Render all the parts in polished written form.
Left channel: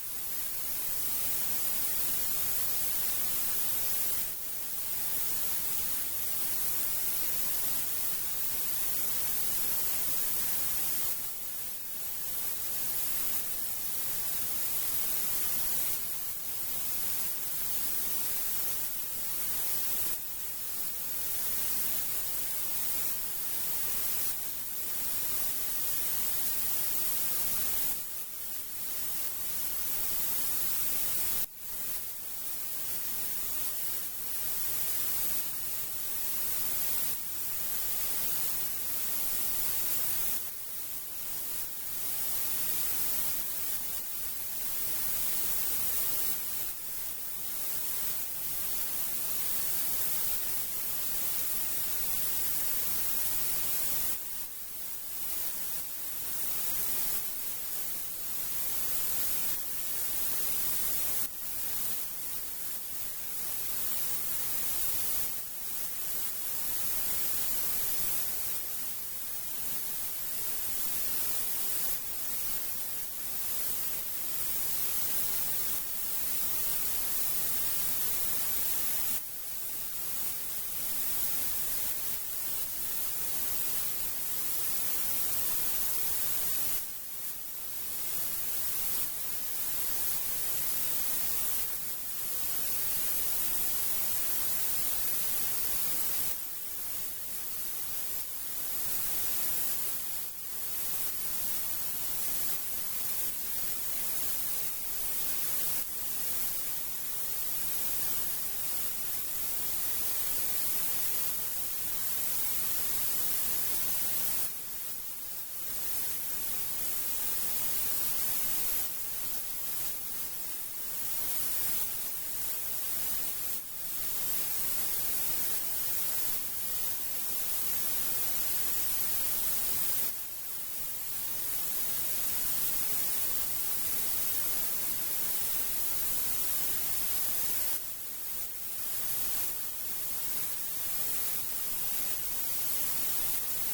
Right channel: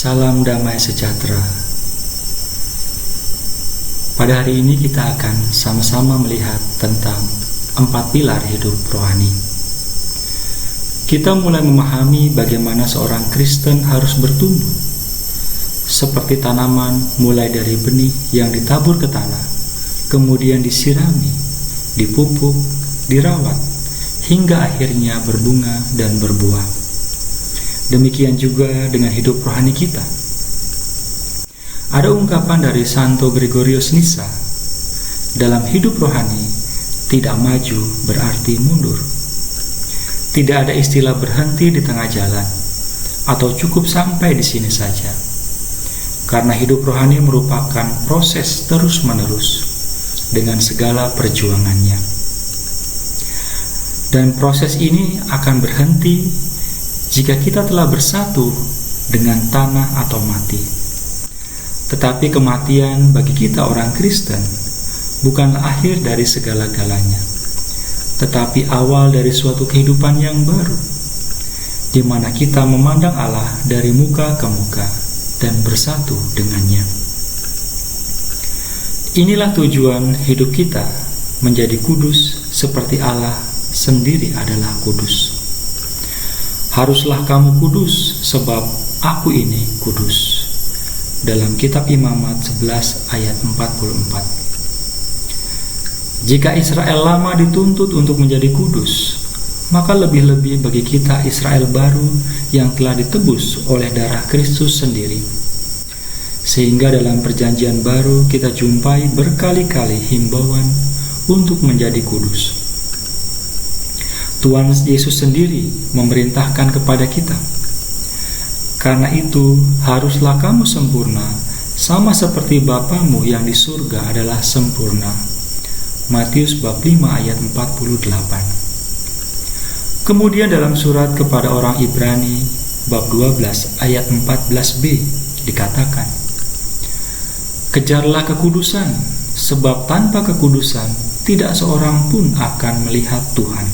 Salam damai sejahtera. Pada hari ini kita akan sama-sama melihat tentang 4 pilar hidup rohani. Kita mulai memahami bagaimana seorang Kristen harus bertumbuh, seperti tanaman mulai dari benih yang ditabur ke tanah, kemudian disirami, dipupuk, dirawat, hingga akhirnya berbunga dan berbuah. Demikian juga dengan hidup rohani kita. Ada ungkapan dari Santo Gregorius Nyssa, dalam hidup rohani, tidak maju berarti mundur. Tidak ada istilah berhenti di tengah jalan, atau cukup sampai di sini saja. Karena hidup rohani merupakan proses terus-menerus, dengan segala perjuangannya. Dan proses ini akan berhenti jika kita telah bersatu dengan tanah atau mati. Tetapi kematian bagi kita orang Kristen bukanlah akhir dari segala-galanya, tetapi awal dari suatu kehidupan yang baru, di mana kita memandang Allah dari muka ke muka dan bersatu dengannya. Inilah tujuan hidup kita, menjadi kudus seperti Allah sendiri adalah kudus. Haruslah kamu kudus sebab aku ini kudus. Dalam kitab Imamat 11 ayat 44. Jika Israel lama dituntut untuk menjadi kudus, maka lebih-lebih bagi kita Israel baru yang telah ditebus oleh darah Kristus sendiri. Sehingga dalam perjanjian baru kita jumpai berkali-kali himbauan untuk menjadi kudus. Tuhan Yesus sendiri memerintahkan kepada kita. Karena itu, haruslah kamu sempurna, sama seperti Bapamu yang di surga adalah sempurna. Matius bab 5 ayat 48. Kemudian dalam surat kepada orang Ibrani bab 12 ayat 14b dikatakan, kejarlah kekudusan, sebab tanpa kekudusan tidak seorang pun akan melihat Tuhan.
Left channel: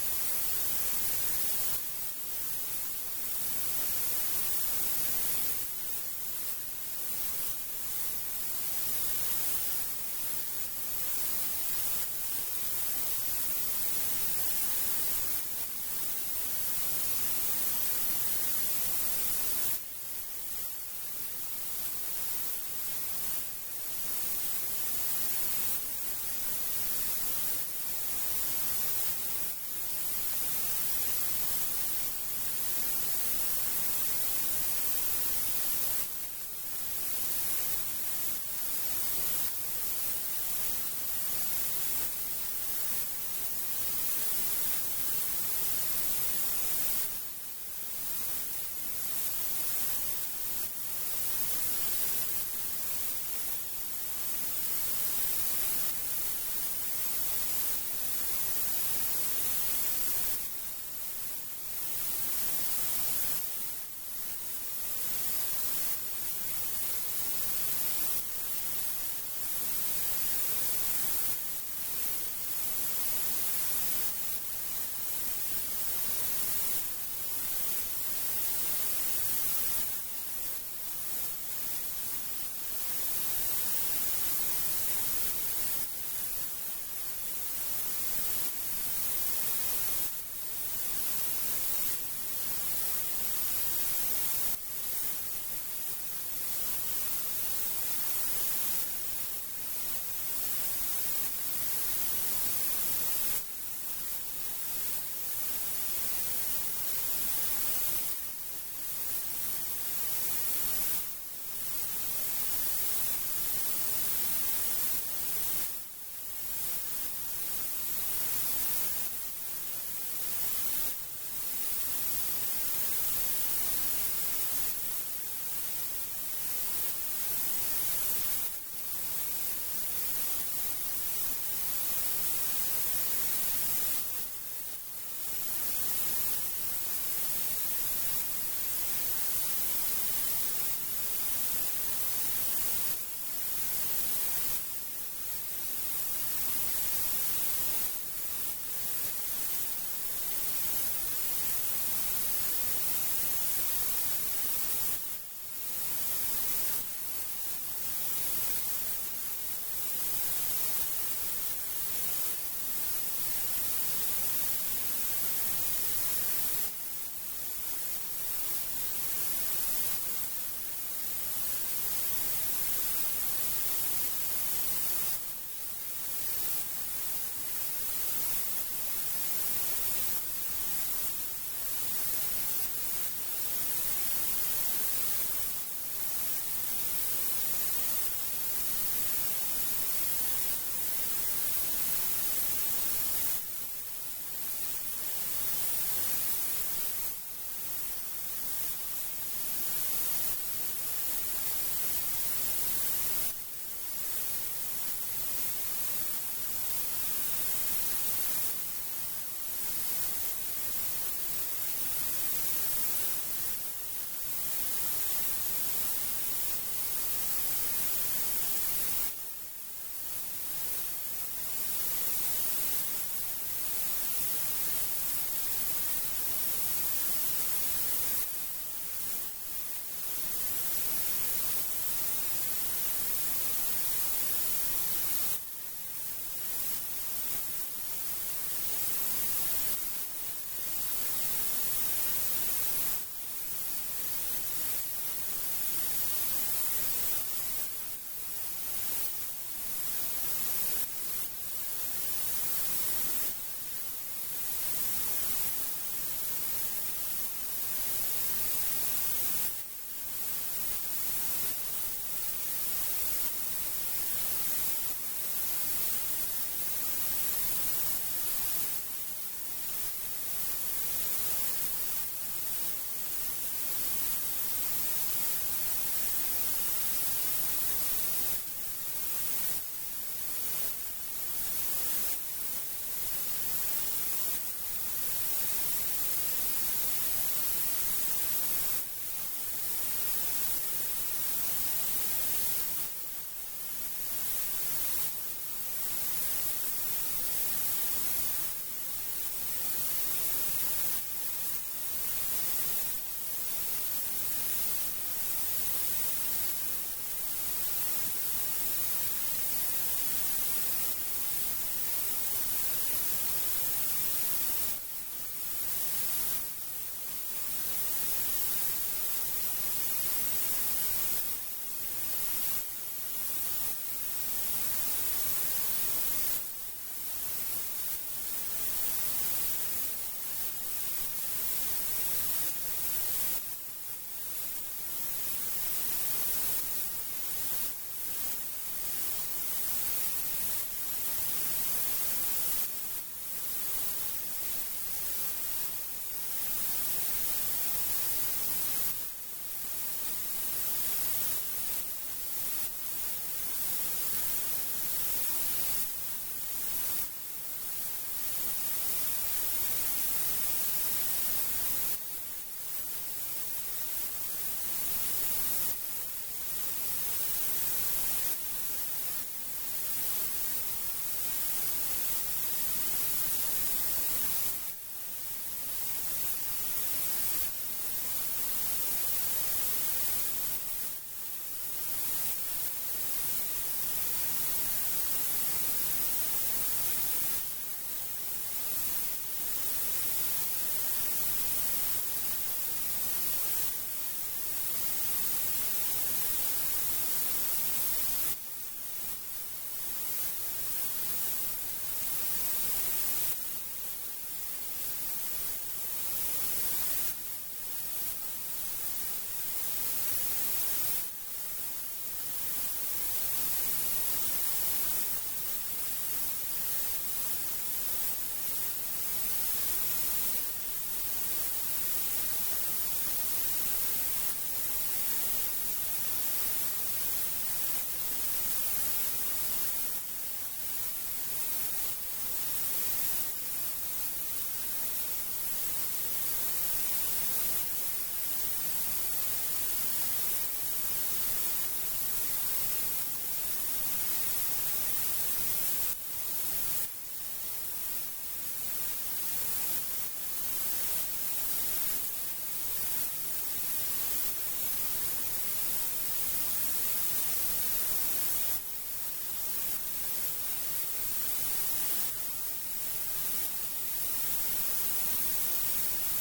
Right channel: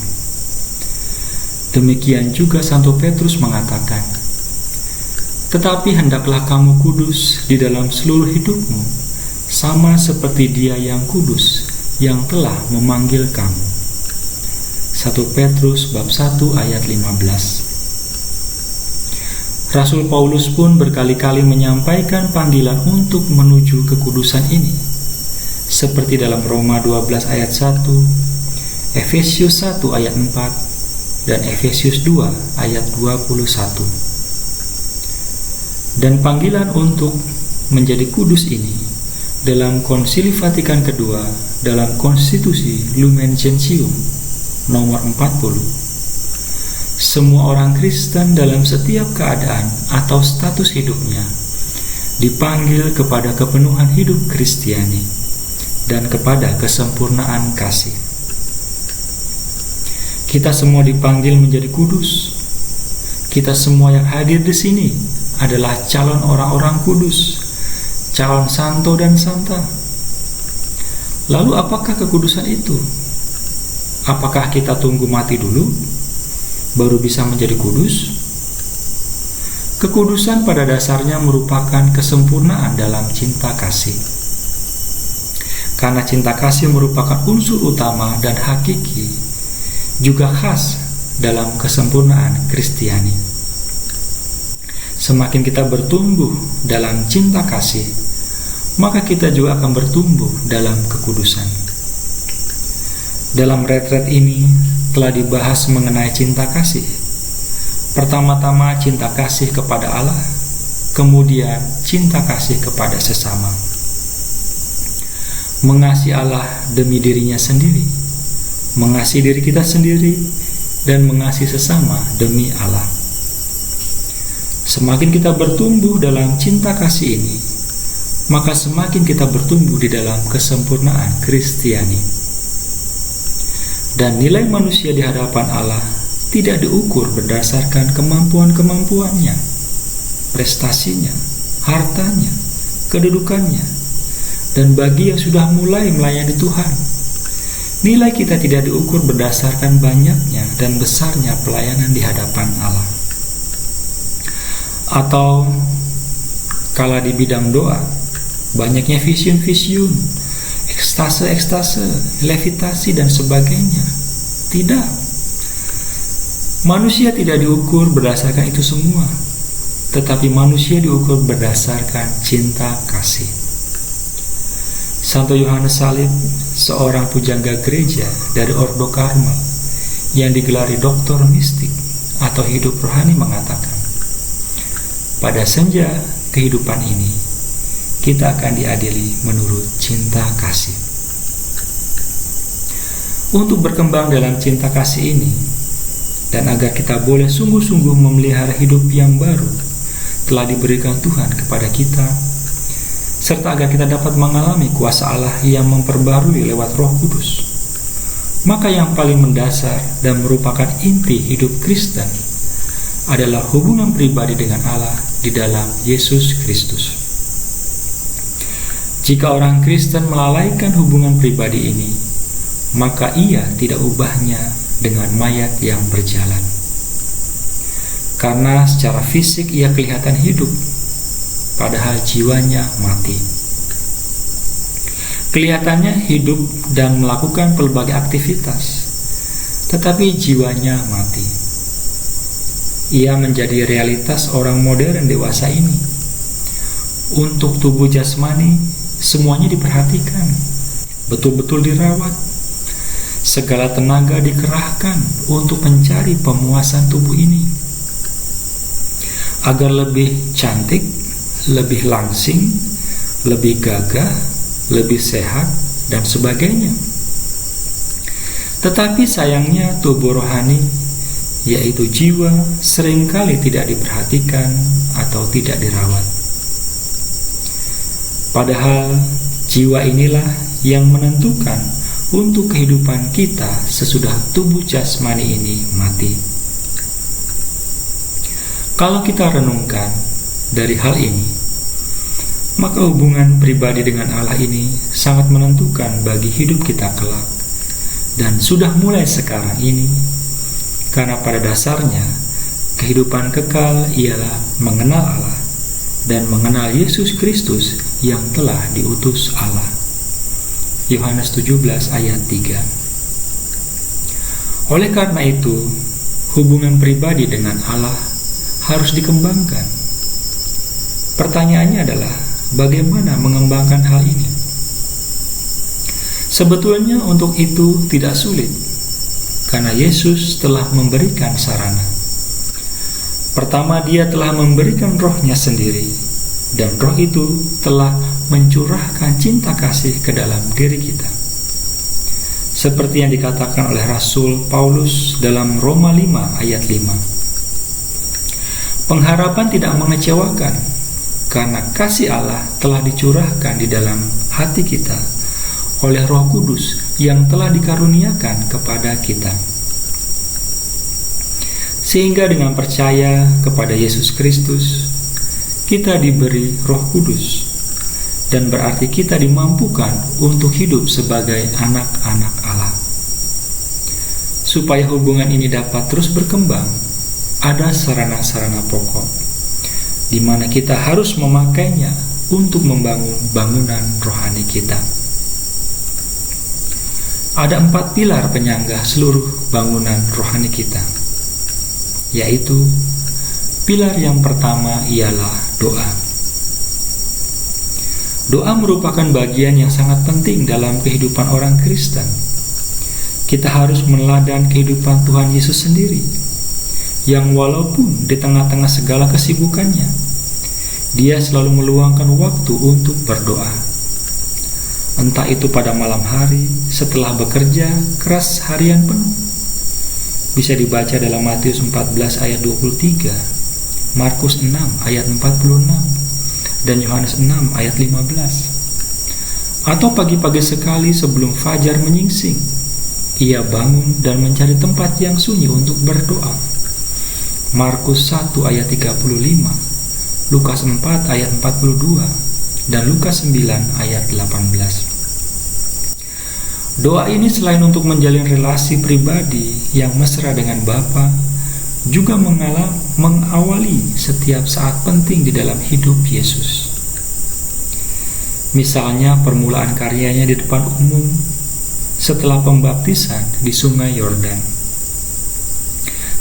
Demikian juga Santo Petrus mengatakan, tetapi hendaklah kamu kudus di dalam seluruh hidupmu, sama seperti Dia yang kudus, yang telah memanggil kamu. 1 Petrus bab 1 ayat 15. Rasul Paulus pun berkali-kali menyampaikan panggilan untuk menuju kekudusan ini, seperti dalam Roma 12 ayat 1, Efesius 1 ayat 4, dan Efesius 2 ayat 21. Dan panggilan untuk menjadi kudus ini dalam Konsili Vatikan II dalam Konstitusi Lumen Gentium nomor 40. Semua orang Kristen dalam setiap keadaan atau status hidupnya dipanggil kepada kepenuhan hidup Kristiani dan kepada kesempurnaan kasih. Kita semua dipanggil menjadi kudus. Kita semua yang hadir di sini adalah calon orang-orang kudus, calon santo dan santa. Lalu apakah kekudusan itu? Apakah kita tunggu mati dulu baru bisa menjadi kudus? Kekudusan pada dasarnya merupakan kesempurnaan dalam cinta kasih. Karena cinta kasih merupakan unsur utama dan hakiki, juga khas dalam kesempurnaan Kristiani. Semakin kita bertumbuh dalam cinta kasih, maka kita juga akan bertumbuh dalam kekudusan. Dalam retret ini telah dibahas mengenai cinta kasih. Pertama-tama cinta kasih kepada Allah, kemudian cinta kasih kepada sesama. Mengasihi Allah demi dirinya sendiri, mengasihi diri kita sendiri, dan mengasihi sesama demi Allah. Semakin kita bertumbuh dalam cinta kasih ini, maka semakin kita bertumbuh di dalam kesempurnaan Kristiani. Dan nilai manusia di hadapan Allah tidak diukur berdasarkan kemampuan-kemampuannya, prestasinya, hartanya, kedudukannya, dan bagi yang sudah mulai melayani Tuhan, nilai kita tidak diukur berdasarkan banyaknya dan besarnya pelayanan di hadapan Allah. Atau Kala di bidang doa, banyaknya vision-vision, ekstase, levitasi dan sebagainya. Tidak. Manusia tidak diukur berdasarkan itu semua, tetapi manusia diukur berdasarkan cinta kasih. Santo Yohanes Salib, seorang pujangga gereja dari Ordo Karmel yang digelari doktor mistik atau hidup rohani, mengatakan, pada senja kehidupan ini, kita akan diadili menurut cinta kasih. Untuk berkembang dalam cinta kasih ini, dan agar kita boleh sungguh-sungguh memelihara hidup yang baru telah diberikan Tuhan kepada kita, serta agar kita dapat mengalami kuasa Allah yang memperbarui lewat Roh Kudus, maka yang paling mendasar dan merupakan inti hidup Kristen adalah hubungan pribadi dengan Allah di dalam Yesus Kristus. Jika orang Kristen melalaikan hubungan pribadi ini, maka ia tidak ubahnya dengan mayat yang berjalan. Karena secara fisik ia kelihatan hidup, padahal jiwanya mati. Kelihatannya hidup dan melakukan pelbagai aktivitas, tetapi jiwanya mati. Ia menjadi realitas orang modern dewasa ini. Untuk tubuh jasmani, semuanya diperhatikan, betul-betul dirawat. Segala tenaga dikerahkan untuk mencari pemuasan tubuh ini agar lebih cantik, lebih langsing, lebih gagah, lebih sehat, dan sebagainya. Tetapi sayangnya tubuh rohani, yaitu jiwa, seringkali tidak diperhatikan atau tidak dirawat. Padahal jiwa inilah yang menentukan untuk kehidupan kita sesudah tubuh jasmani ini mati. Kalau kita renungkan dari hal ini, maka hubungan pribadi dengan Allah ini sangat menentukan bagi hidup kita kelak, dan sudah mulai sekarang ini, karena pada dasarnya kehidupan kekal ialah mengenal Allah dan mengenal Yesus Kristus yang telah diutus Allah. Yohanes 17 ayat 3. Oleh karena itu, hubungan pribadi dengan Allah harus dikembangkan. Pertanyaannya adalah, bagaimana mengembangkan hal ini? Sebetulnya untuk itu tidak sulit, karena Yesus telah memberikan sarana. Pertama, Dia telah memberikan Roh-Nya sendiri, dan Roh itu telah mencurahkan cinta kasih ke dalam diri kita. Seperti yang dikatakan oleh Rasul Paulus dalam Roma 5 ayat 5. Pengharapan tidak mengecewakan, karena kasih Allah telah dicurahkan di dalam hati kita oleh Roh Kudus yang telah dikaruniakan kepada kita. Sehingga dengan percaya kepada Yesus Kristus, kita diberi Roh Kudus, dan berarti kita dimampukan untuk hidup sebagai anak-anak Allah. Supaya hubungan ini dapat terus berkembang, ada sarana-sarana pokok, di mana kita harus memakainya untuk membangun bangunan rohani kita. Ada 4 pilar penyangga seluruh bangunan rohani kita, yaitu pilar yang pertama ialah doa. Doa merupakan bagian yang sangat penting dalam kehidupan orang Kristen. Kita harus meneladani kehidupan Tuhan Yesus sendiri, yang walaupun di tengah-tengah segala kesibukannya, Dia selalu meluangkan waktu untuk berdoa. Entah itu pada malam hari setelah bekerja keras harian penuh. Bisa dibaca dalam Matius 14 ayat 23, Markus 6 ayat 46, dan Yohanes 6 ayat 15. Atau pagi-pagi sekali sebelum fajar menyingsing, ia bangun dan mencari tempat yang sunyi untuk berdoa. Markus 1 ayat 35, Lukas 4 ayat 42, dan Lukas 9 ayat 18. Doa ini selain untuk menjalin relasi pribadi yang mesra dengan Bapa, juga mengawali setiap saat penting di dalam hidup Yesus. Misalnya permulaan karyanya di depan umum setelah pembaptisan di Sungai Yordan.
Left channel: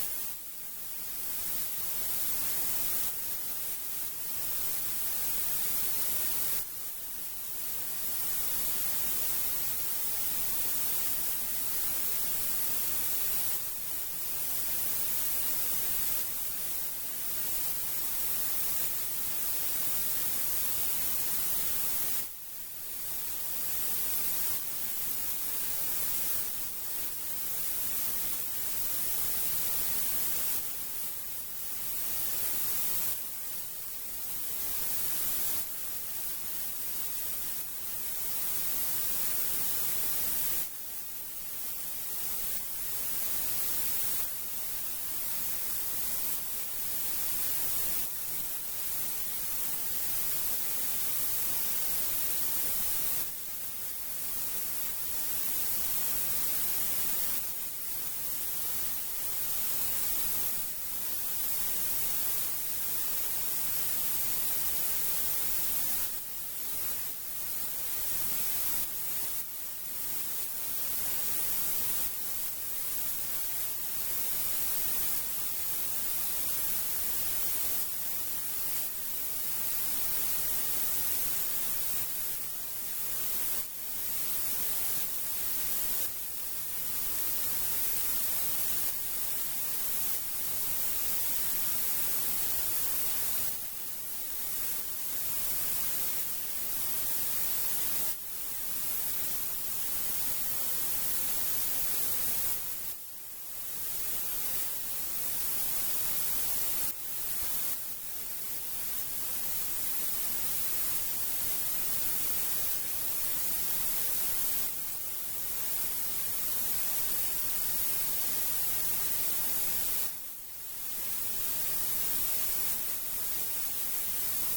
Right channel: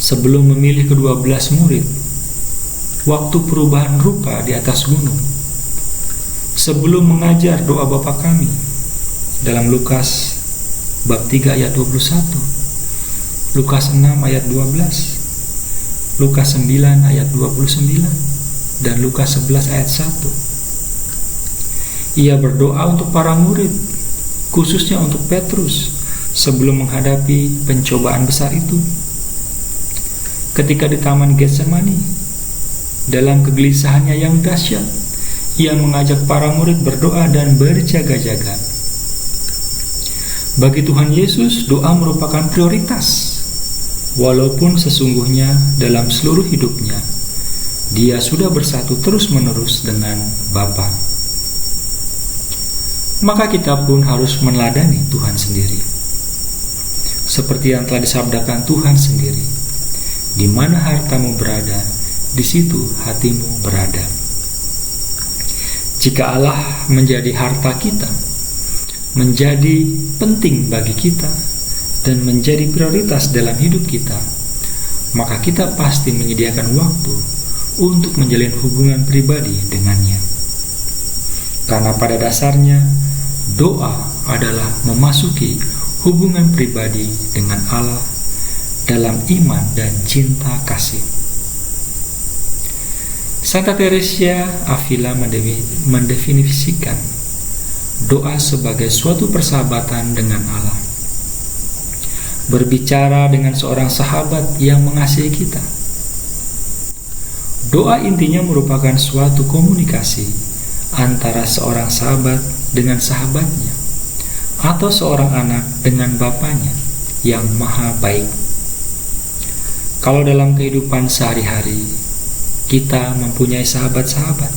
Sebelum memilih ke-12 murid, waktu perubahan rupa di atas gunung, sebelum mengajar doa Bapa Kami dalam Lukas bab 3 ayat 21, Lukas 6 ayat 12, Lukas 9 ayat 29, dan Lukas 11 ayat 1. Ia berdoa untuk para murid, khususnya untuk Petrus, sebelum menghadapi pencobaan besar itu. Ketika di Taman Getsemani, dalam kegelisahannya yang dahsyat, ia mengajak para murid berdoa dan berjaga-jaga. Bagi Tuhan Yesus, doa merupakan prioritas, walaupun sesungguhnya dalam seluruh hidupnya, dia sudah bersatu terus-menerus dengan Bapa. Maka kita pun harus meneladani Tuhan sendiri. Seperti yang telah disabdakan Tuhan sendiri, di mana hartamu berada, di situ hatimu berada. Jika Allah menjadi harta kita, menjadi penting bagi kita, dan menjadi prioritas dalam hidup kita, maka kita pasti menyediakan waktu untuk menjalin hubungan pribadi dengannya. Karena pada dasarnya, doa adalah memasuki hubungan pribadi dengan Allah dalam iman dan cinta kasih. Santa Teresia Avila mendefinisikan doa sebagai suatu persahabatan dengan Allah. Berbicara dengan seorang sahabat yang mengasihi kita. Doa intinya merupakan suatu komunikasi antara seorang sahabat dengan sahabatnya, atau seorang anak dengan bapaknya yang maha baik. Kalau dalam kehidupan sehari-hari kita mempunyai sahabat-sahabat,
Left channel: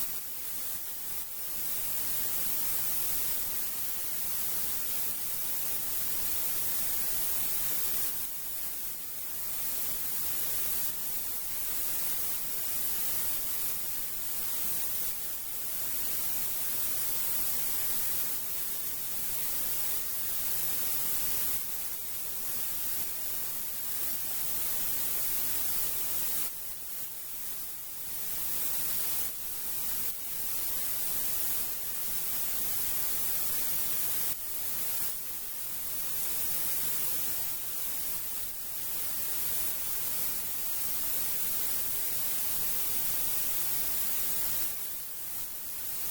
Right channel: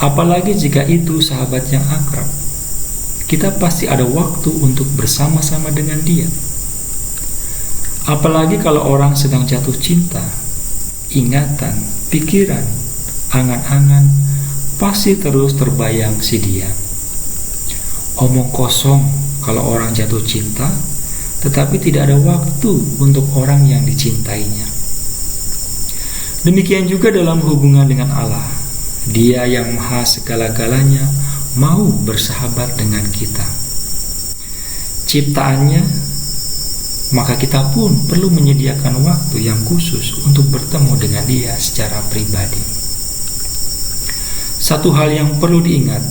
apalagi jika itu sahabat yang akrab, kita pasti ada waktu untuk bersama-sama dengan dia. Apalagi kalau orang sedang jatuh cinta, ingatan, pikiran, angan-angan pasti terus terbayang si dia. Omong kosong kalau orang jatuh cinta, tetapi tidak ada waktu untuk orang yang dicintainya. Demikian juga dalam hubungan dengan Allah. Dia yang maha segala-galanya mau bersahabat dengan kita, ciptaannya, maka kita pun perlu menyediakan waktu yang khusus untuk bertemu dengan dia secara pribadi. Satu hal yang perlu diingat,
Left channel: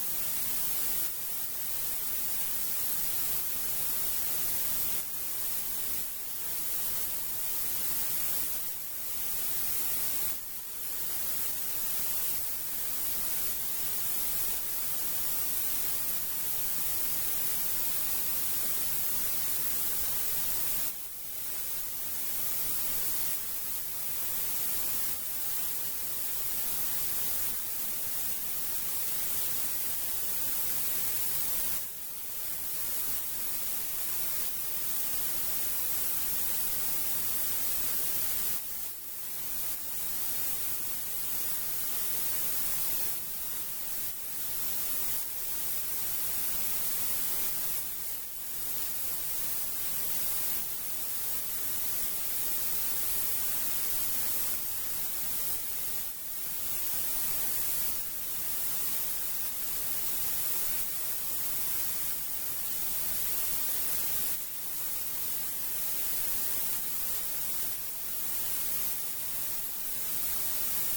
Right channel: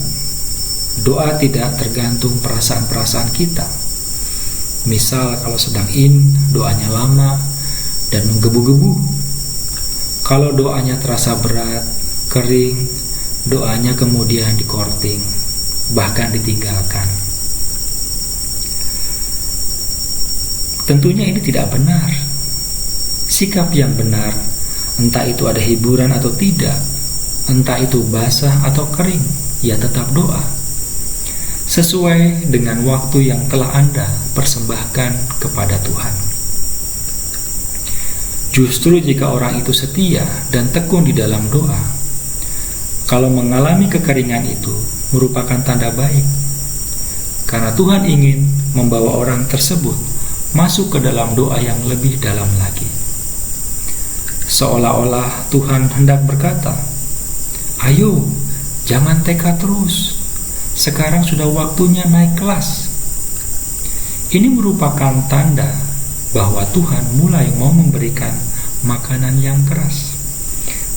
doa tidak tergantung perasaan-perasaan kita. Misal kalau sedang doanya lama dan menggebu-gebu. Kalau doanya terasa berat, kering, doanya kemudian dikorting, bahkan ditinggalkan. Tentunya ini tidak benar. Sikap yang benar, entah itu ada hiburan atau tidak, entah itu basah atau kering, ya tetap doa. Sesuai dengan waktu yang telah Anda persembahkan kepada Tuhan. Justru jika orang itu setia dan tekun di dalam doa, kalau mengalami kekeringan itu merupakan tanda baik, karena Tuhan ingin membawa orang tersebut masuk ke dalam doa yang lebih dalam lagi. Seolah-olah Tuhan hendak berkata, "Ayo, jangan teka terus. Sekarang sudah waktunya naik kelas." Ini merupakan tanda bahwa Tuhan mulai mau memberikan makanan yang keras,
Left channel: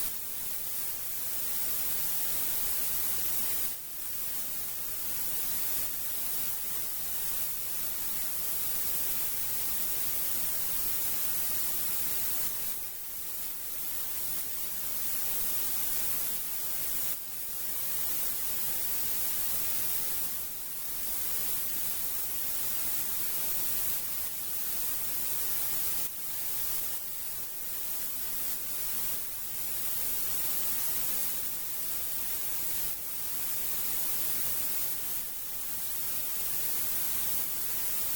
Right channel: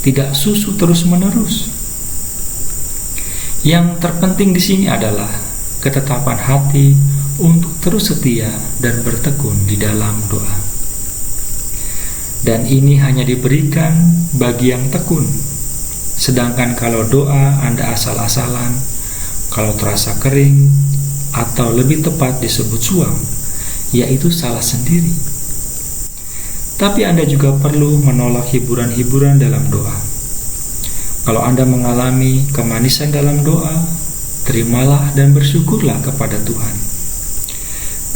tidak susu terus-menerus. Yang terpenting di sini adalah ketetapan hati untuk terus setia dan bertekun di dalam doa. Dan ini hanya diberikan bagi yang tekun. Sedangkan kalau doa Anda asal-asalan, kalau terasa kering, atau lebih tepat disebut suam, yaitu salah sendiri. Tapi Anda juga perlu menolak hiburan-hiburan dalam doa. Kalau Anda mengalami kemanisan dalam doa, terimalah dan bersyukurlah kepada Tuhan.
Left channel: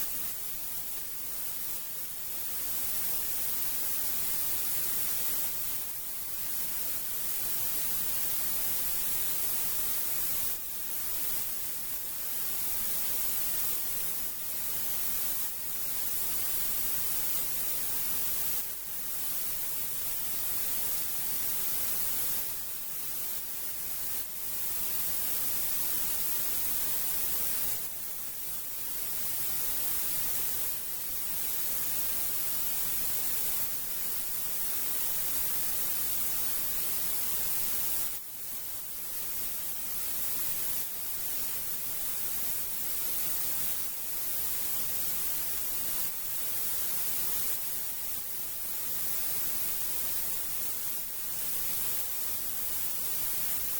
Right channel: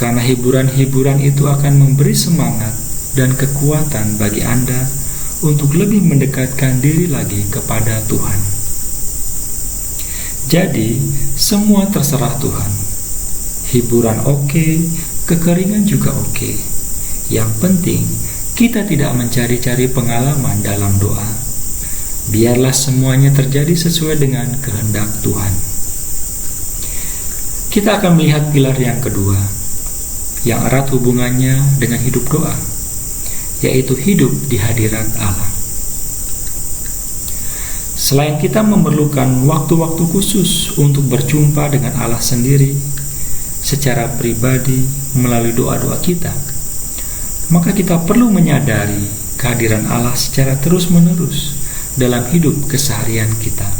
Karena hiburan-hiburan itu akan memberi semangat dan kekuatan bagi Anda untuk lebih mendekatkan diri lagi kepada Tuhan. Jadi, semua terserah Tuhan. Hiburan oke, kekeringan juga oke. Yang penting, kita tidak mencari-cari pengalaman dalam doa. Biarlah semuanya terjadi sesuai dengan kehendak Tuhan. Kita akan melihat pilar yang kedua, yang erat hubungannya dengan hidup doa, yaitu hidup di hadirat Allah. Selain kita memerlukan waktu-waktu khusus untuk berjumpa dengan Allah sendiri secara pribadi melalui doa-doa kita, maka kita perlu menyadari kehadiran Allah secara terus-menerus dalam hidup keseharian kita.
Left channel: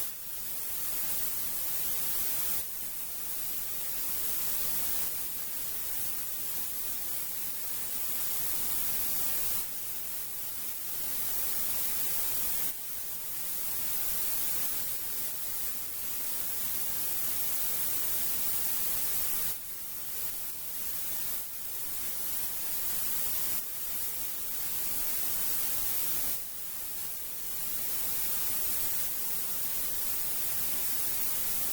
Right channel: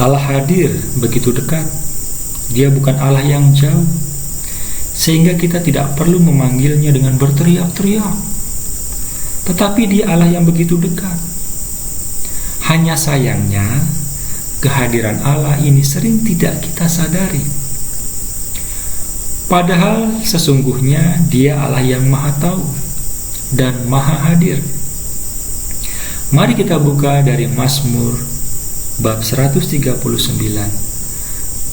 Allah hadir begitu dekat. Dia bukan Allah yang jauh, sehingga kita tidak perlu memanggilnya dengan berteriak-teriak. Tetapi Dia Allah yang begitu dekat. Hanya sayangnya, kehadiran Allah ini sering tidak kita sadari. Padahal sesungguhnya Dia Allah yang Maha Tahu dan Maha Hadir. Mari kita buka dari Mazmur bab 139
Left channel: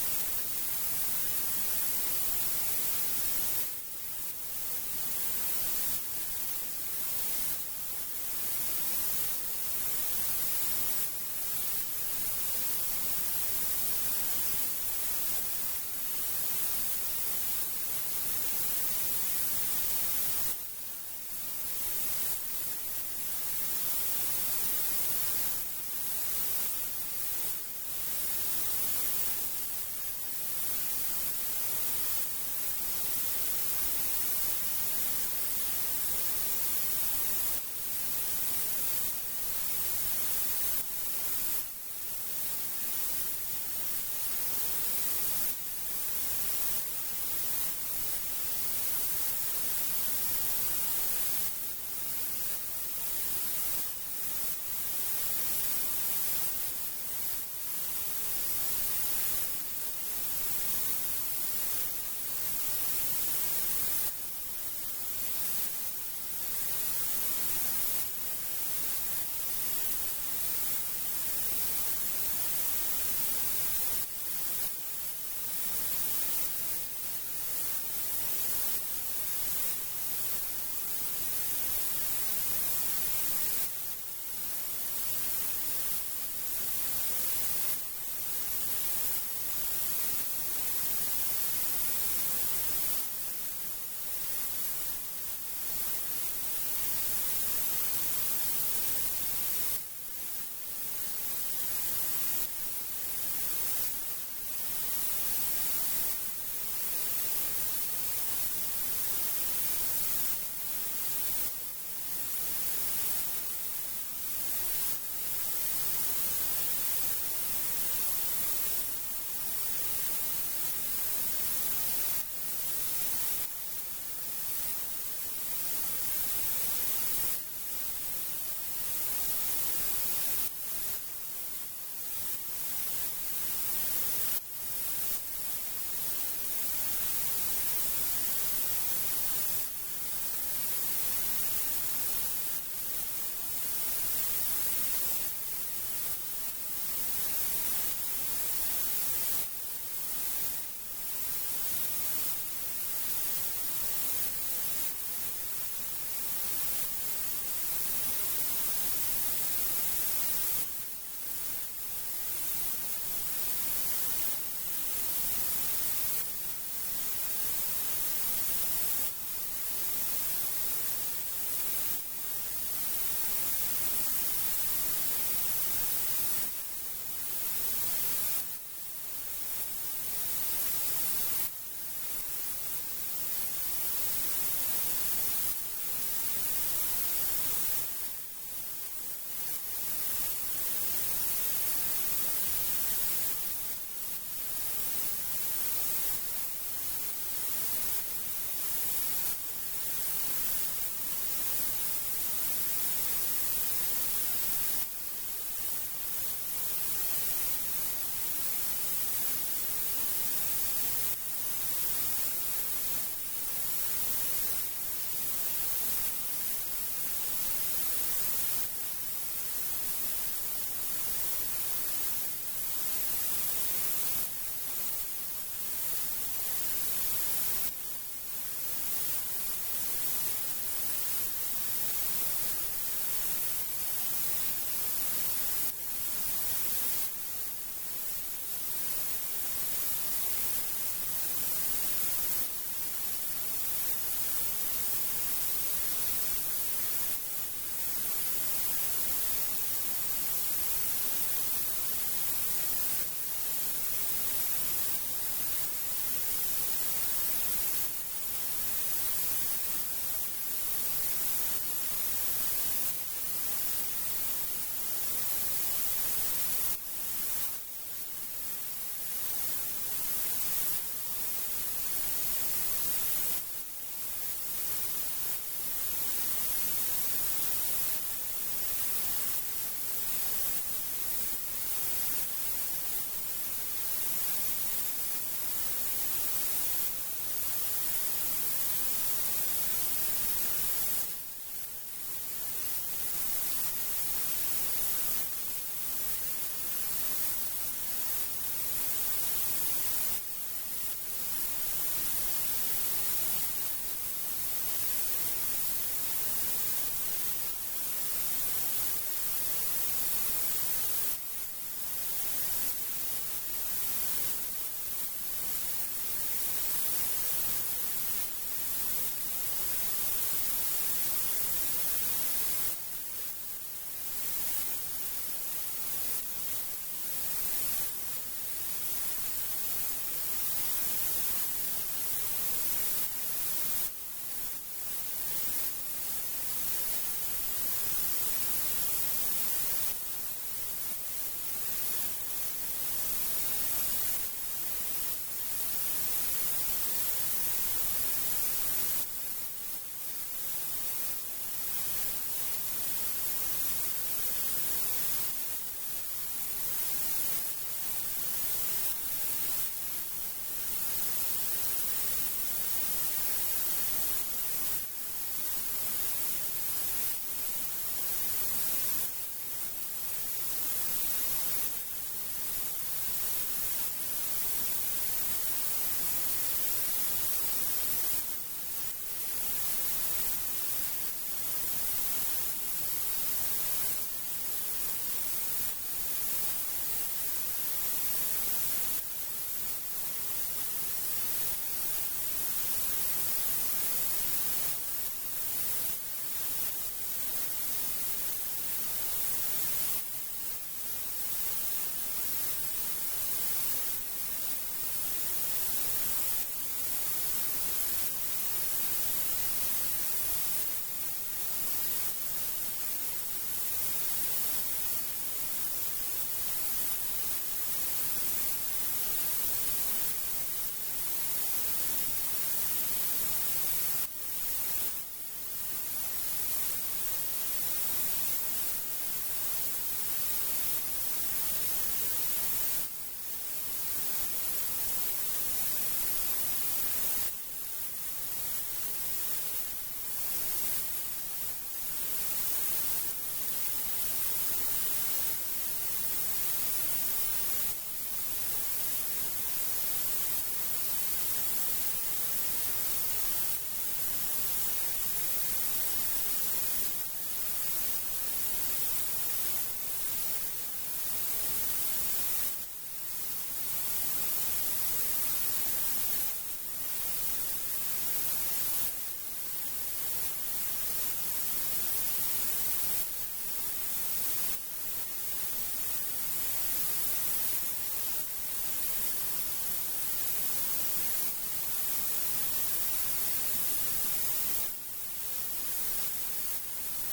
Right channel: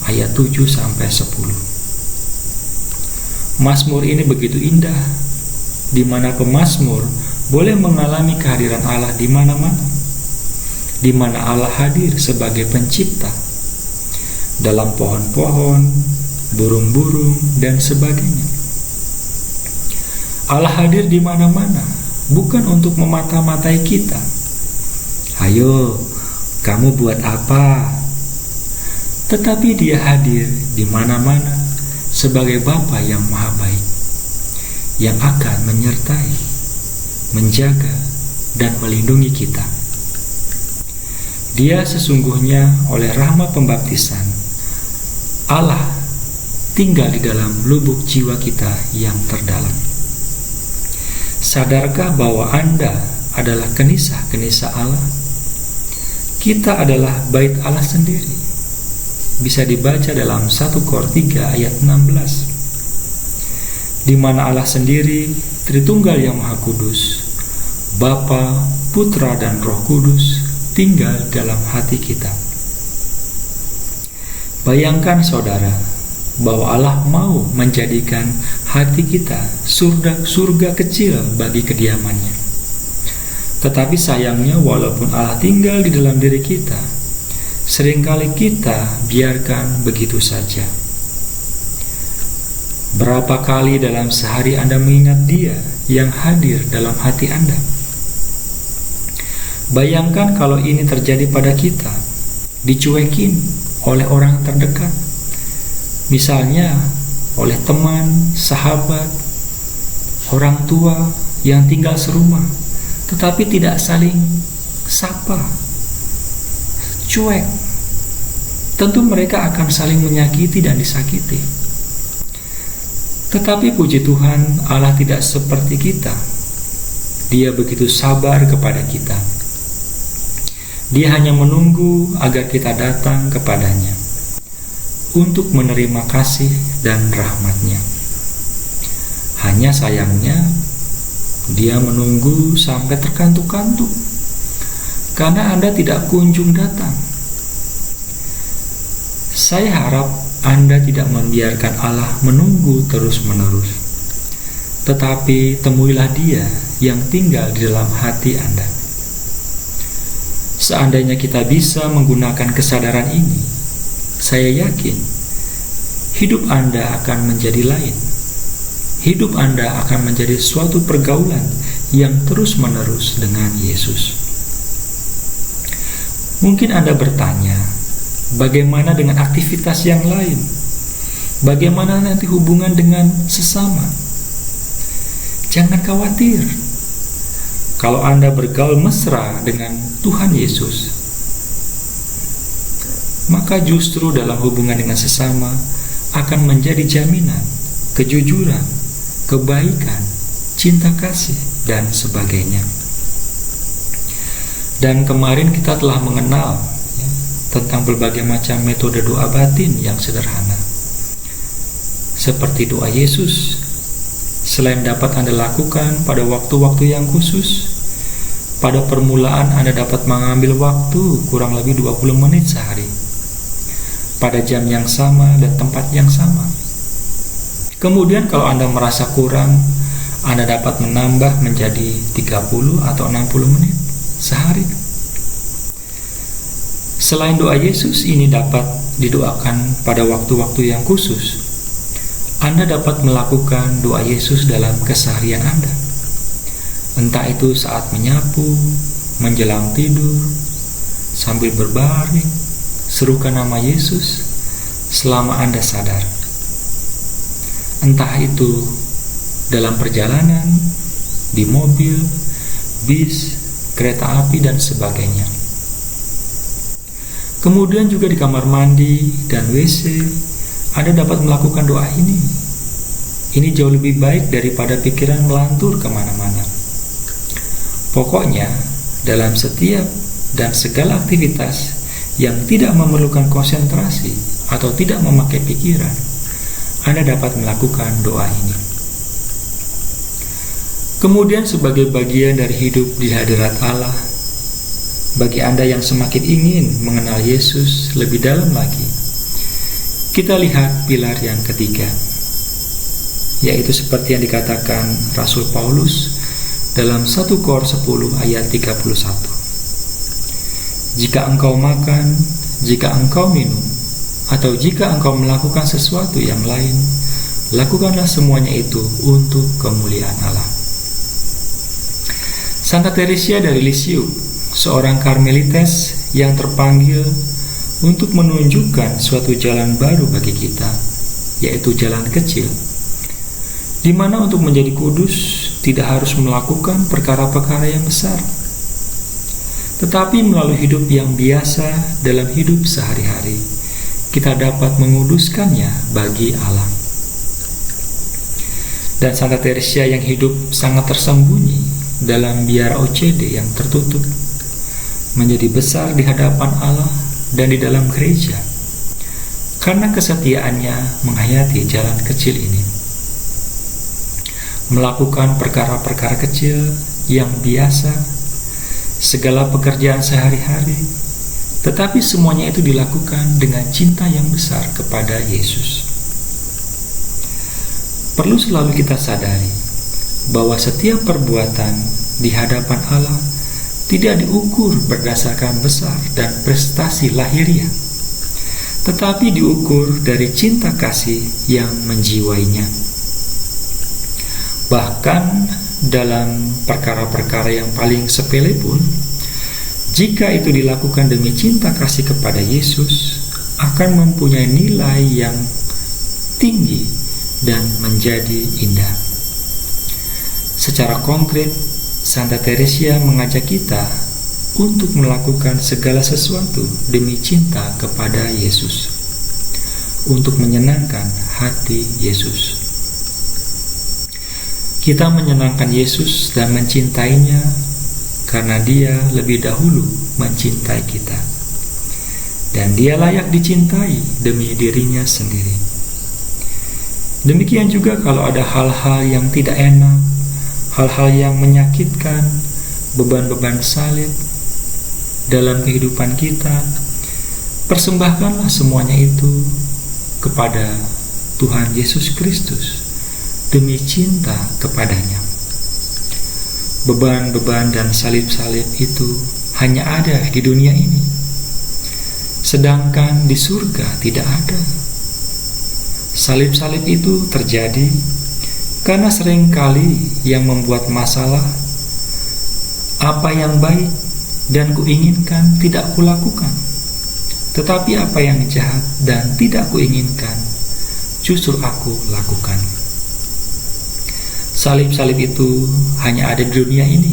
ayat 7-10. Mazmur ini begitu indah, di mana pemazmur boleh mengalami kehadiran Allah di mana-mana, di mana Allah hadir sebagai pencipta, dalam pohon-pohon, burung-burung, dan sebagainya. Allah hadir di mana-mana, bukan untuk memata-matai kita. Ayo, kamu buat apa? Tetapi Dia hadir di mana-mana sebagai Bapa yang Maha Baik, yang akan menyertai, menjaga, dan melindungi kita. Dia sesungguhnya oleh rahmat pembaptisan, Allah tinggal di dalam lubuk jiwa kita yang terdalam. Sadarkah bahwa Anda adalah kenisah-kenisah Allah? Kita adalah bait Allah sendiri. Bisa dibaca dalam 1 Kor 3 ayat 16, di mana Allah sendiri, Tritunggal yang Maha Kudus, Bapa, Putra, dan Roh Kudus tinggal dalam hati kita. Bayangkan saudara, bahwa Allah mau menjadikan hati kita surga kecil bagi kediamannya. Tetapi sayangnya, walaupun Allah tinggal di dalam diri kita, seringkali kita biarkan begitu saja. Berapa kali dalam sehari Anda mengingat Dia yang hadir dalam hati Anda? Bayangkan kalau ini terjadi pada kita, dicuekin oleh orang terdekat, misalnya oleh teman, sahabat, orang tua yang tinggal serumah, tetapi tidak saling sapa, cuek. Tentu mereka akan saling menyakiti dan disakiti. Tetapi puji Tuhan, Allah tidak seperti kita. Dia begitu sabar kepada kita. Dia hanya menunggu agar kita datang kepadanya untuk menerima kasih dan rahmat-Nya. Hanya sayangnya, Dia menunggu sampai terkantuk-kantuk karena Anda tidak kunjung datang. Saya harap Anda tidak membiarkan Allah menunggu terus-menerus, tetapi temuilah Dia yang tinggal di dalam hati Anda. Seandainya kita bisa menggunakan kesadaran ini, saya yakin hidup Anda akan menjadi lain. Hidup Anda akan menjadi suatu pergaulan yang terus-menerus dengan Yesus. Mungkin Anda bertanya, bagaimana dengan aktivitas yang lain? Bagaimana nanti hubungan dengan sesama? Jangan khawatir. Kalau Anda bergaul mesra dengan Tuhan Yesus, maka justru dalam hubungan dengan sesama akan menjadi jaminan kejujuran, kebaikan, cinta kasih, dan sebagainya. Dan kemarin kita telah mengenal tentang berbagai macam metode doa batin yang sederhana. Seperti doa Yesus, selain dapat Anda lakukan pada waktu-waktu yang khusus, pada permulaan Anda dapat mengambil waktu kurang lebih 20 menit sehari, pada jam yang sama dan tempat yang sama. Kemudian kalau Anda merasa kurang, Anda dapat menambah menjadi 30 atau 60 menit sehari. Selain doa Yesus ini dapat didoakan pada waktu-waktu yang khusus, Anda dapat melakukan doa Yesus dalam keseharian Anda. Entah itu saat menyapu, menjelang tidur, sambil berbaring, serukan nama Yesus selama Anda sadar. Entah itu dalam perjalanan, di mobil, bis, kereta api, dan sebagainya. Kemudian juga di kamar mandi dan WC, Anda dapat melakukan doa ini. Ini jauh lebih baik daripada pikiran melantur kemana-mana. Pokoknya, dalam setiap dan segala aktivitas yang tidak memerlukan konsentrasi atau tidak memakai pikiran, Anda dapat melakukan doa ini. Kemudian sebagai bagian dari hidup di hadirat Allah, bagi Anda yang semakin ingin mengenal Yesus lebih dalam lagi, kita lihat pilar yang ketiga, yaitu seperti yang dikatakan Rasul Paulus dalam 1 Kor 10 ayat 31. Jika engkau makan, jika engkau minum, atau jika engkau melakukan sesuatu yang lain, lakukanlah semuanya itu untuk kemuliaan Allah. Santa Teresia dari Lisieux, seorang Karmelites yang terpanggil untuk menunjukkan suatu jalan baru bagi kita, yaitu jalan kecil, di mana untuk menjadi kudus tidak harus melakukan perkara-perkara yang besar, tetapi melalui hidup yang biasa dalam hidup sehari-hari, kita dapat menguduskannya bagi Allah. Dan Santa Teresia yang hidup sangat tersembunyi dalam biara OCD yang tertutup, menjadi besar di hadapan Allah dan di dalam gereja karena kesetiaannya menghayati jalan kecil ini, melakukan perkara-perkara kecil yang biasa, segala pekerjaan sehari-hari, tetapi semuanya itu dilakukan dengan cinta yang besar kepada Yesus. Perlu selalu kita sadari bahwa setiap perbuatan di hadapan Allah tidak diukur berdasarkan besar dan prestasi lahiriah, tetapi diukur dari cinta kasih yang menjiwainya. Bahkan dalam perkara-perkara yang paling sepele pun, jika itu dilakukan demi cinta kasih kepada Yesus, akan mempunyai nilai yang tinggi dan menjadi indah. Secara konkret, Santa Teresia mengajak kita untuk melakukan segala sesuatu demi cinta kepada Yesus, untuk menyenangkan hati Yesus. Kita menyenangkan Yesus dan mencintainya karena Dia lebih dahulu mencintai kita, dan Dia layak dicintai demi dirinya sendiri. Demikian juga kalau ada hal-hal yang tidak enak, hal-hal yang menyakitkan, beban-beban salib dalam kehidupan kita, persembahkanlah semuanya itu kepada Tuhan Yesus Kristus demi cinta kepadanya. Beban-beban dan salib-salib itu hanya ada di dunia ini, sedangkan di surga tidak ada. Salib-salib itu terjadi karena seringkali yang membuat masalah, apa yang baik dan kuinginkan tidak kulakukan, tetapi apa yang jahat dan tidak kuinginkan justru aku lakukan. Salib-salib itu hanya ada di dunia ini,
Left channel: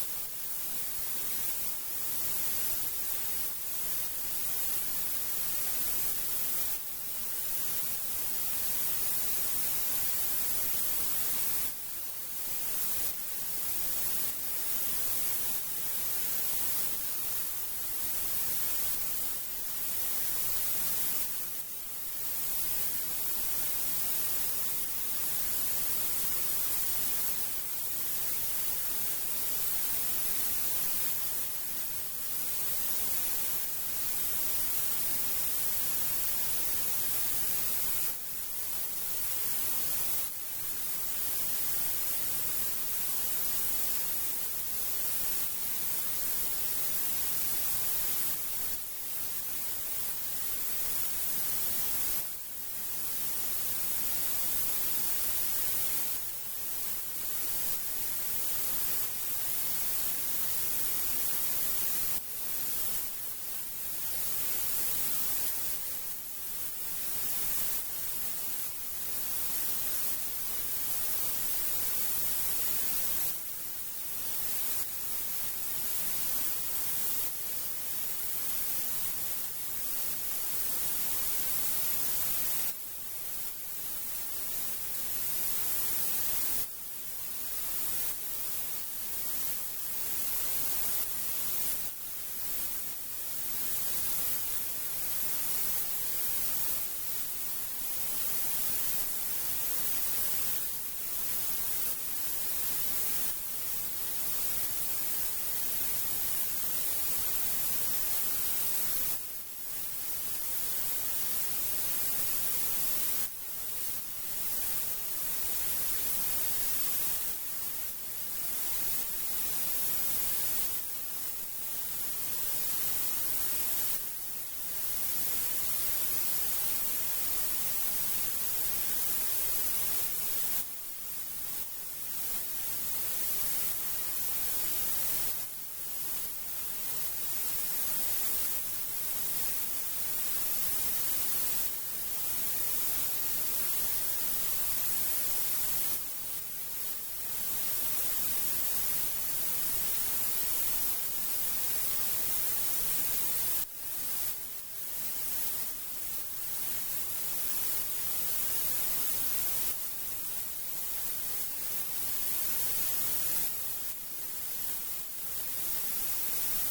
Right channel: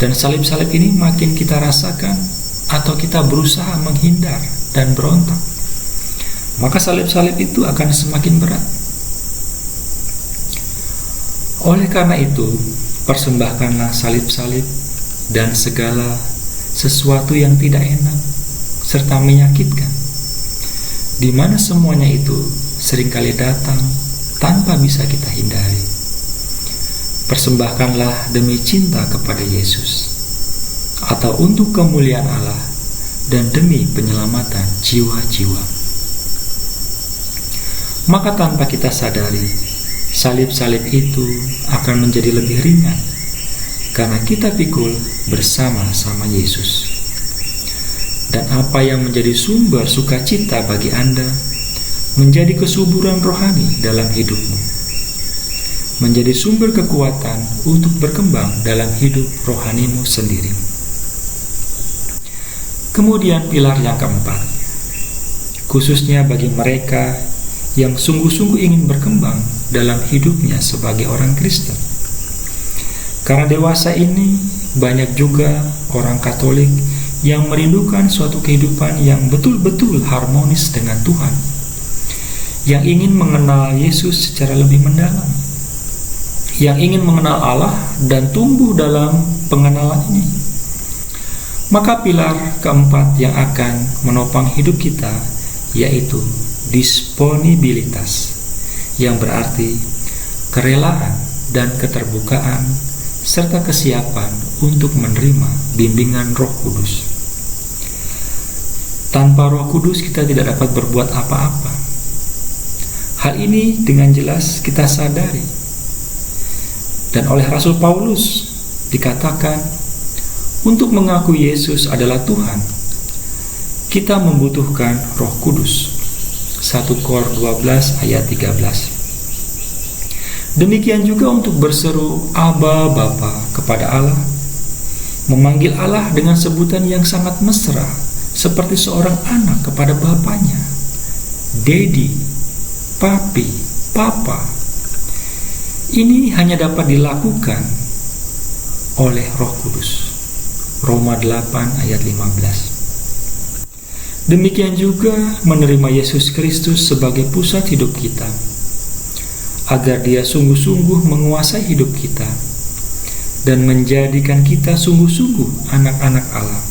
dan salib-salib ini makin kita rasakan atau kita berusaha menghindar dan berontak, maka salib-salib itu akan semakin berat. Oleh karena itu, persembahkanlah salib-salib dan segala sesuatu yang tidak enak serta menyakitkan, di mana semuanya itu seringkali datang tanpa bisa kita hindari. Persembahkanlah demi cinta kepada Yesus. atau untuk kemuliaan Allah dan demi penyelamatan jiwa-jiwa. Maka tanpa kita sadari, salib-salib itu akan menjadi lebih ringan karena kita pikul bersama-sama Yesus. Dan apa yang menjadi sumber sukacita bagi Anda menjadi kesuburan rohani dalam hidupmu, menjadi sumber kekuatan untuk berkembang dalam hidup rohanimu sendiri. Kemudian pilar yang keempat, khususnya bagi mereka yang sungguh-sungguh ingin berkembang dalam hidupnya sebagai orang Kristen. Karena dewasa ini banyak juga orang Katolik yang merindukan suatu kehidupan yang betul-betul harmonis dengan Tuhan, yang ingin mengenal Yesus secara lebih mendalam, yang ingin mengenal Allah dan tumbuh dalam pengenalan ini. Maka pilar keempat yang akan menopang hidup kita yaitu disponibilitas, yang berarti kerelaan dan keterbukaan serta kesiapan untuk menerima bimbingan Roh Kudus. Tanpa Roh Kudus kita tidak dapat berbuat apa-apa. Hal ini dengan jelas kita sadari. Dan oleh Rasul Paulus dikatakan, untuk mengakui Yesus adalah Tuhan, kita membutuhkan Roh Kudus. 1 Kor 12 ayat 13. Demikian juga untuk berseru Aba Bapa kepada Allah, memanggil Allah dengan sebutan yang sangat mesra, seperti seorang anak kepada bapaknya. Daddy, Papi, Papa. Ini hanya dapat dilakukan oleh Roh Kudus. Roma 8 ayat 15. Demikian juga menerima Yesus Kristus sebagai pusat hidup kita, agar Dia sungguh-sungguh menguasai hidup kita dan menjadikan kita sungguh-sungguh anak-anak Allah.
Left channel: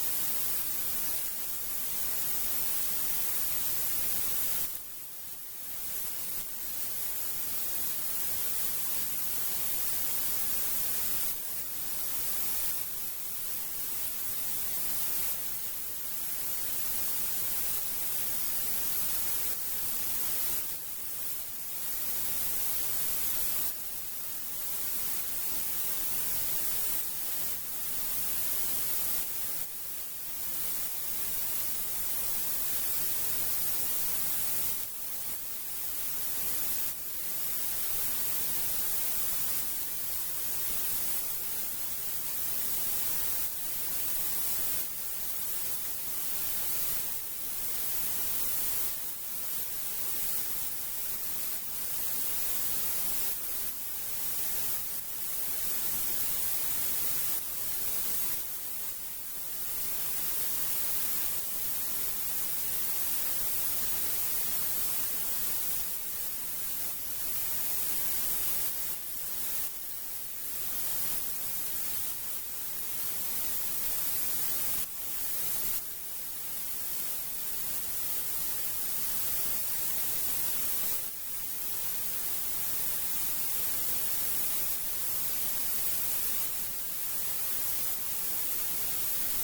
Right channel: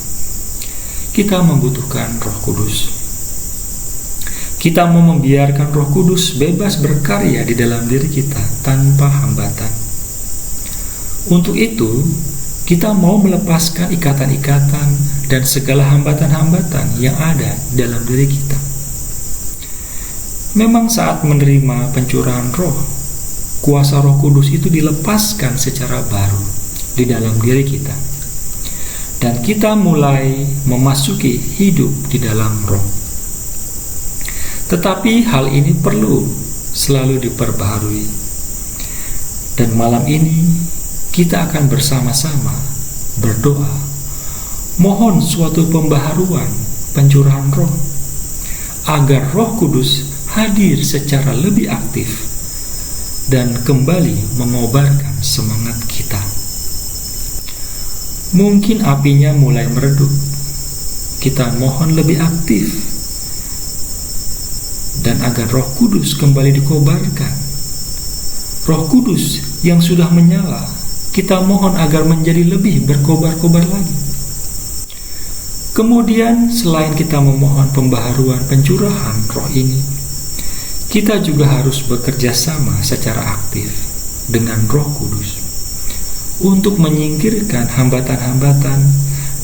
Kita membutuhkan Roh Kudus. Kita mau membiarkan Roh Kudus bebas berkarya di dalam diri kita tanpa hambatan. Untuk itu, kita mau melepaskan ikatan-ikatan dan segala hambatan-hambatan yang ada dalam diri kita. Memang saat menerima pencurahan roh, kuasa Roh Kudus itu dilepaskan secara baru di dalam diri kita. Dan kita mulai memasuki hidup di dalam roh. Tetapi hal ini perlu selalu diperbaharui. Dan malam ini kita akan bersama-sama berdoa, mohon suatu pembaharuan pencurahan roh, agar Roh Kudus hadir secara lebih aktif dan kembali mengobarkan semangat kita. Mungkin apinya mulai meredup, kita mohon lebih aktif, dan agar Roh Kudus kembali dikobarkan. Roh Kudus yang sudah menyala, kita mohon agar menjadi lebih berkobar-kobar lagi. Kemudian selain kita memohon pembaharuan pencurahan roh ini, kita juga harus bekerja sama secara aktif dengan Roh Kudus untuk menyingkirkan hambatan-hambatan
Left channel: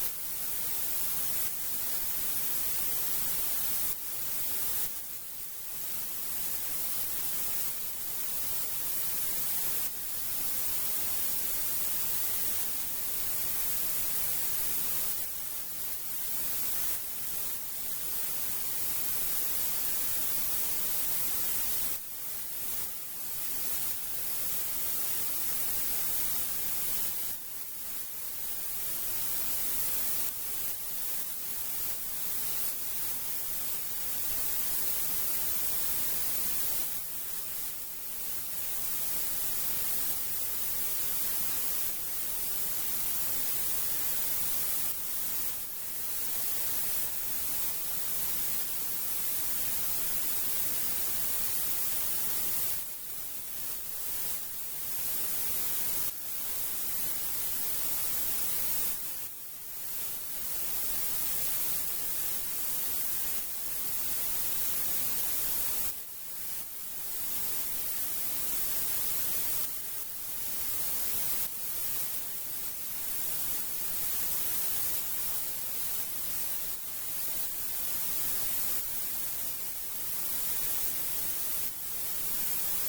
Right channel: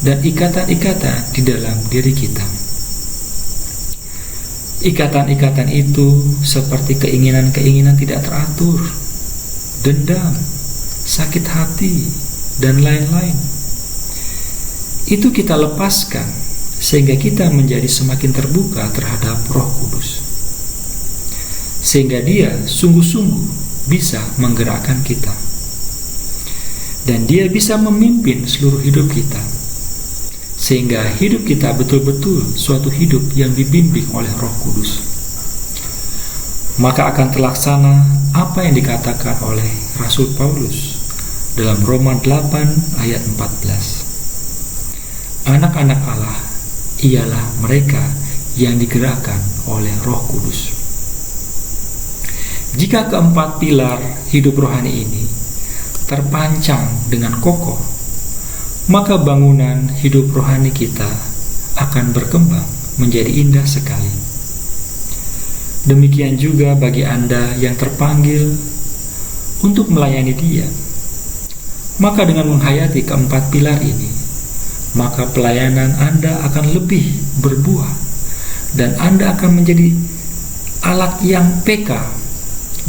dan ikatan-ikatan di dalam diri kita. Ikatan-ikatan itu seperti keinginan-keinginan tidak teratur, dendam, sakit hati, dan lain-lain. Itu kita lepaskan sehingga kita menjadi semakin terbuka terhadap Roh Kudus, sehingga Dia sungguh-sungguh bisa menggerakkan kita, dan Dia bisa memimpin seluruh hidup kita, sehingga hidup kita betul-betul suatu hidup yang dibimbing oleh Roh Kudus. Maka akan terlaksana apa yang dikatakan oleh Rasul Paulus dalam Roma 8 ayat 14. Anak-anak Allah ialah mereka yang digerakkan oleh Roh Kudus. Jika keempat pilar hidup rohani ini terpancang dengan kokoh, maka bangunan hidup rohani kita akan berkembang menjadi indah sekali. Demikian juga bagi Anda yang terpanggil untuk melayani Dia. Maka dengan menghayati keempat pilar ini, maka pelayanan Anda akan lebih berbuah dan Anda akan menjadi alat yang peka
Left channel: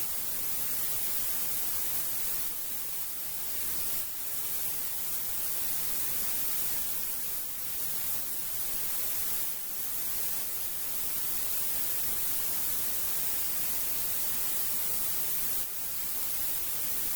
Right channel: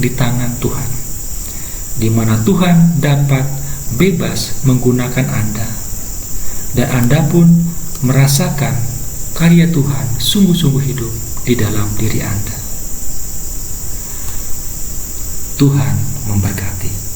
di tangan Tuhan, di mana Tuhan dapat bebas menggunakan Anda, dan Anda pun merasakan karya Tuhan sungguh-sungguh hidup di dalam diri Anda. Tuhan memberkati.